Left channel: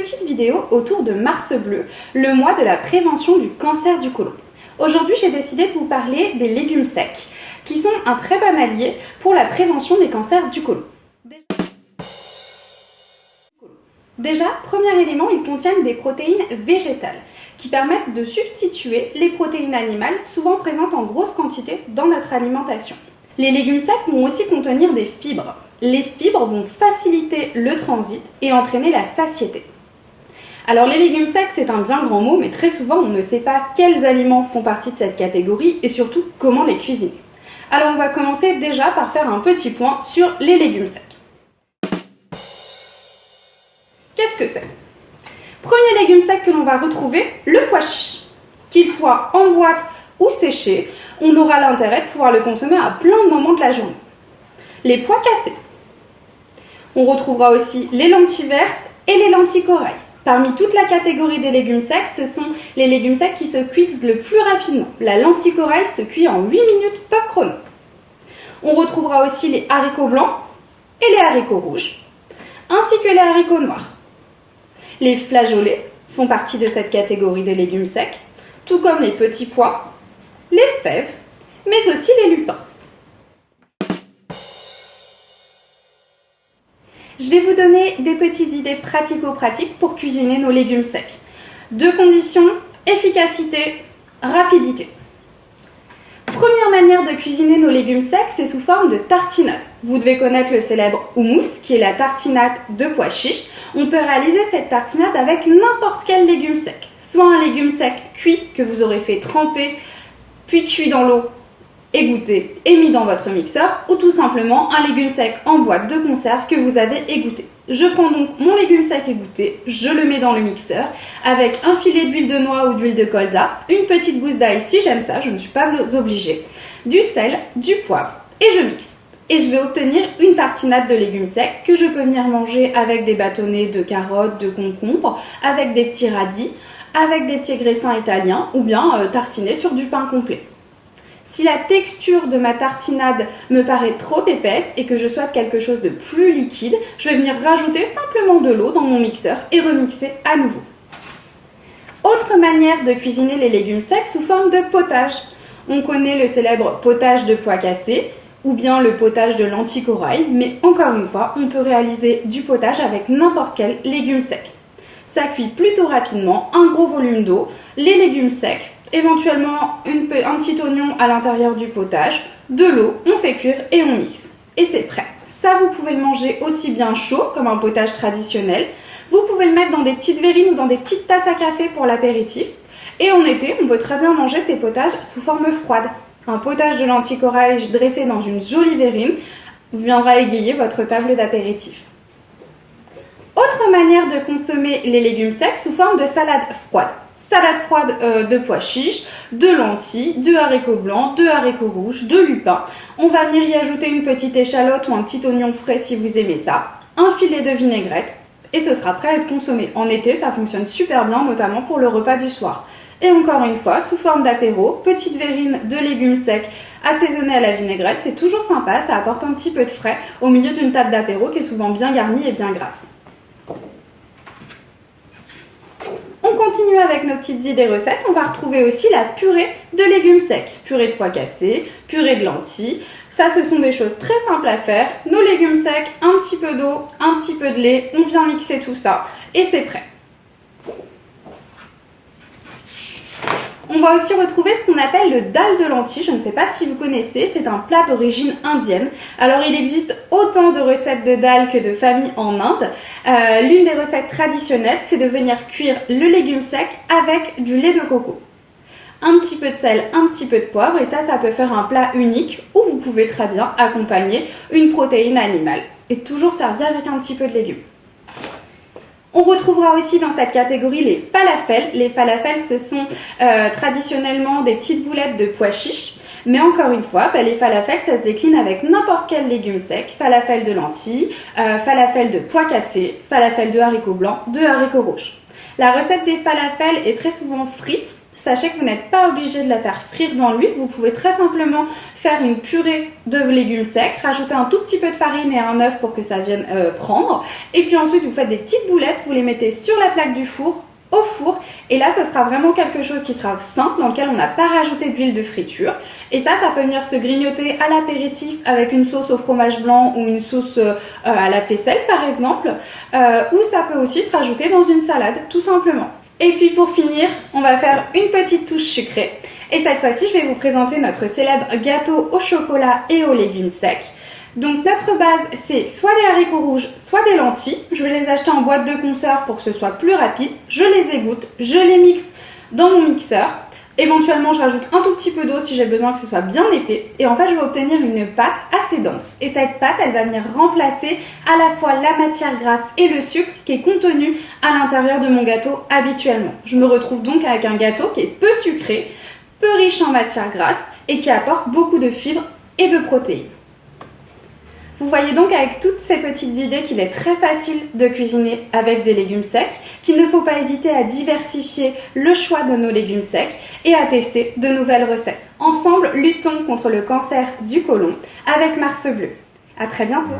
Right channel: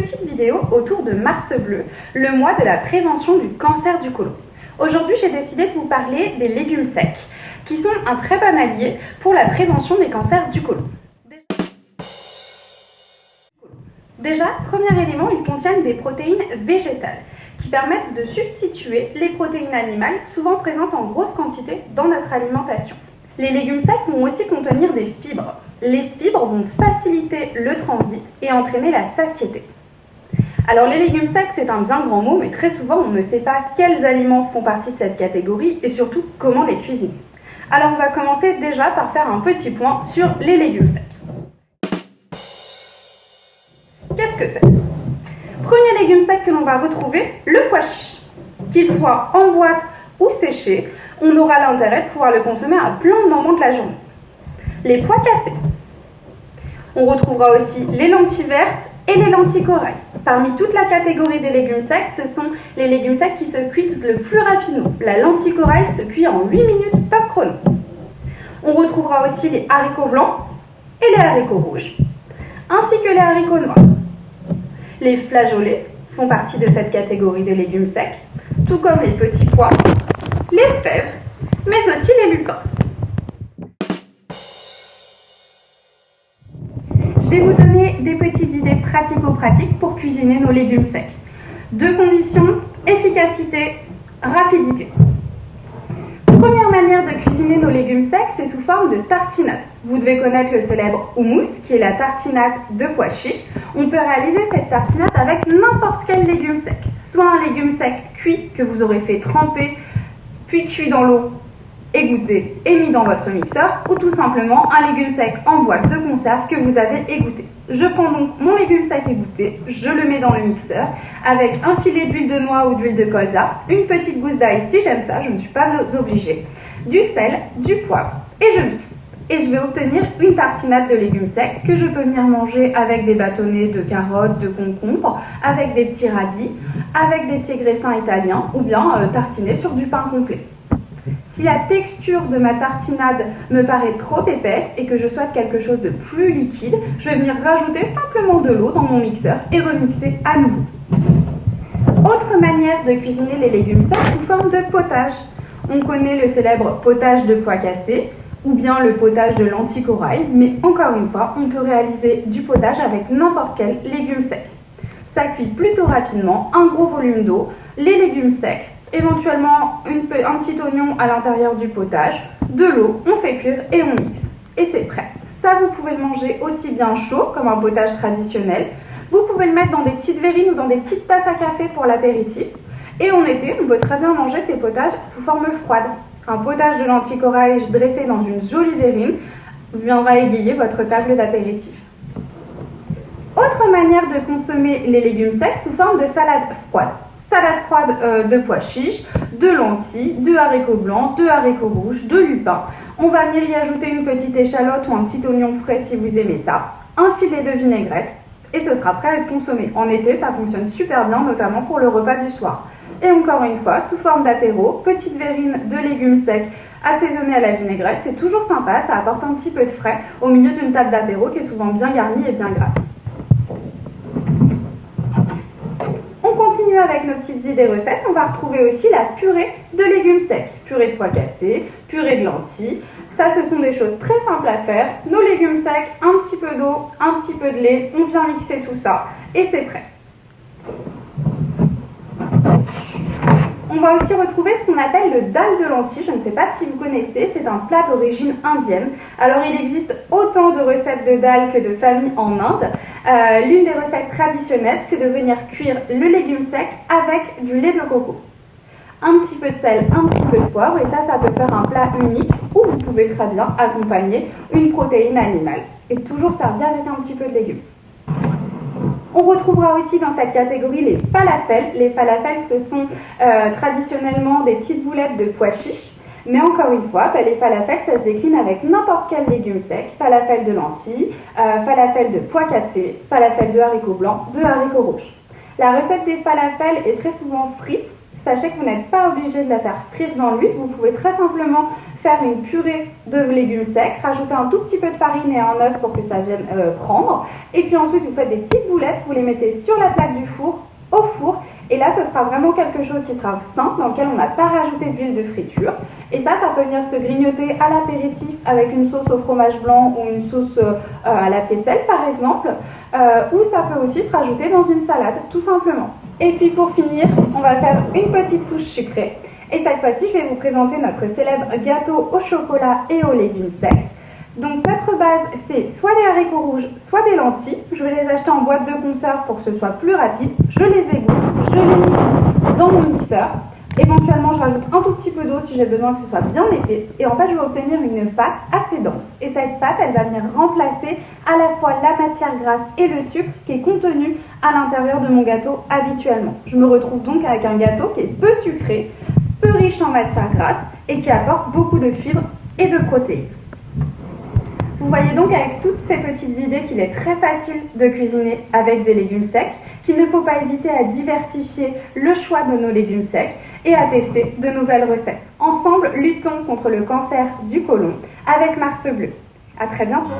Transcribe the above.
petite vidéo autour de Mars Bleu, le mois de la prévention du cancer du côlon. Aujourd'hui, j'ai décidé de vous parler des légumes secs, qui sont un très bon allié pour la prévention des cancers du côlon. Déjà, premier élément, ils contiennent des protéines végétales, qui permettent de substituer les protéines animales, souvent présentes en grosse quantité dans notre alimentation. Les légumes secs vont aussi contenir des fibres. Les fibres vont faciliter le transit et entraîner la satiété. Alors les légumes secs, c'est un bien grand mot, mais très souvent on ne sait pas quels aliments font partie de cette catégorie et surtout comment les cuisiner. Alors on va commencer déjà par faire un petit point sur les légumes secs. Qu'est-ce que c'est ? Premier légume sec que l'on va retrouver, le pois chiche. Qu'il soit en boîte ou séché, on aura l'intérêt de pouvoir le consommer à plein de moments de la journée. Les pois cassés. On retrouvera aussi les lentilles vertes et les lentilles corail. Parmi toute la catégorie des légumes secs, ce sont les légumes secs qui se cuisent le plus rapidement. La lentille corail se cuit en 8 minutes top chrono. On retrouvera aussi les haricots blancs et les haricots rouges, ainsi que les haricots noirs. Les flageolets font partie de cette catégorie des légumes secs, tout comme les petits pois, les fèves, mais aussi les lupins. Je vais vous donner des petites idées pratico-pratiques pour cuisiner nos légumes secs. Deux conditions, efficacité, rapidité. Première manière de cuisiner nos légumes secs, c'est sous forme de tartinade. Vous devez connaître le célèbre houmous, qui est la tartinade de pois chiches. On peut réaliser cette tartinade avec n'importe quel légume sec. Soit un légume sec cuit, que vous aurez fait tremper, puis cuit dans l'eau, égoutté et mis dans votre mixeur, ou tout simplement un légume sec en boîte de conserve que vous avez égoutté. Je prends donc mon légume sec égoutté, je le mets dans le mixeur avec un filet d'huile de noix ou d'huile de colza, une petite gousse d'ail si j'aime ça, je ne suis pas obligée, du sel, du poivre et je mixe. Et je vais obtenir une tartinade de légumes secs que je peux venir manger avec des bâtonnets de carottes, de concombres, avec des petits radis, avec des petits graissins italiens ou bien tartiner sur du pain complet. Si la texture de ma tartinade me paraît trop épaisse et que je souhaite quelque chose de plus liquide, je vais venir rajouter simplement de l'eau dans mon mixeur et remixer à nouveau. Autre manière de cuisiner les légumes secs sous forme de potage. On connaît le célèbre potage de pois cassés ou bien le potage de lentilles corail, mais encore une fois, on peut réaliser du potage avec n'importe quel légume sec. Ça cuit plutôt rapidement, un gros volume d'eau, les légumes secs, éventuellement un petit oignon à l'intérieur du potage, de l'eau, on fait cuire et on mixe. Et c'est prêt. Ça, vous pouvez le manger aussi bien chaud, comme un potage traditionnel. Vous pouvez le mettre dans des petites verrines ou dans des petites tasses à café pour l'apéritif. Et en été, on peut très bien manger ces potages sous forme froide. Un potage de lentilles corail dressé dans une jolie verrine viendra égayer votre table d'apéritif. Autre manière de consommer les légumes secs sous forme de salade froide. Salade froide de pois chiches, de lentilles, de haricots blancs, de haricots rouges, de lupins. On va venir y ajouter une petite échalote ou un petit oignon frais si vous aimez ça, un filet de vinaigrette et ce sera prêt à être consommé. En été, ça fonctionne super bien, notamment pour le repas du soir. Et encore une fois, sous forme d'apéro, petite verrine de légumes secs assaisonnée à la vinaigrette, c'est toujours sympa, ça apporte un petit peu de frais au milieu d'une table d'apéro qui est souvent bien garnie et bien grasse. On continue avec nos petites idées recettes. On va retrouver aussi la purée de légumes secs. Purée de pois cassés, purée de lentilles. Ça, ce sont des choses très simples à faire. Nos légumes secs, un petit peu d'eau, un petit peu de lait. On vient mixer tout ça et c'est prêt. On va aussi retrouver ce qu'on appelle le dal de lentilles. Je ne sais pas si vous connaissez, c'est un plat d'origine indienne. Alors il existe autant de recettes de dal que de familles en Inde. L'une des recettes traditionnelles, c'est de venir cuire le légume sec avec du lait de coco. Un petit peu de sel, un petit peu de poivre et ça peut faire un plat unique où vous pouvez très bien accompagner une protéine animale et toujours servir avec un petit peu de légumes. On retrouvera aussi dans cette catégorie les falafels. Les falafels, ce sont traditionnellement des petites boulettes de pois chiches. Mais encore une fois, les falafels, ça se décline avec n'importe quel légume sec. Falafel de lentilles, falafel de pois cassés, falafel de haricots blancs, de haricots rouges. La recette des falafels est très souvent frite. Sachez que vous n'êtes pas obligé de la faire frire dans l'huile, vous pouvez très simplement faire une purée de légumes secs, rajouter un tout petit peu de farine et un œuf pour que ça vienne prendre. Et puis ensuite, vous faites des petites boulettes, vous les mettez sur la plaque du four, au four, et là ce sera vraiment quelque chose qui sera simple, dans lequel on n'a pas rajouté d'huile de friture, et ça peut venir se grignoter à l'apéritif avec une sauce au fromage blanc ou une sauce à la faisselle par exemple, ou ça peut aussi se rajouter dans une salade tout simplement. Et puis pour finir, on va faire une petite touche sucrée, et cette fois-ci je vais vous présenter notre célèbre gâteau au chocolat et aux légumes secs. Donc notre base, c'est soit des haricots rouges, soit des lentilles. Je vais les acheter en boîte de conserve pour que ce soit plus rapide. Je les égoutte, je les mixe dans mon mixeur. Éventuellement, je rajoute un tout petit peu d'eau si j'ai besoin que ce soit bien épais. Et en fait, je vais obtenir une pâte assez dense. Et cette pâte, elle va venir remplacer à la fois la matière grasse et le sucre qui est contenu à l'intérieur de mon gâteau habituellement. Je me retrouve donc avec un gâteau qui est peu sucré, peu riche en matière grasse et qui apporte beaucoup de fibres et de protéines. Vous voyez donc avec toutes ces petites idées qu'il est très facile de cuisiner avec des légumes secs, qu'il ne faut pas hésiter à diversifier le choix de nos légumes secs et à tester de nouvelles recettes. Ensemble, luttons contre le cancer du côlon avec Mars Bleu. À très bientôt.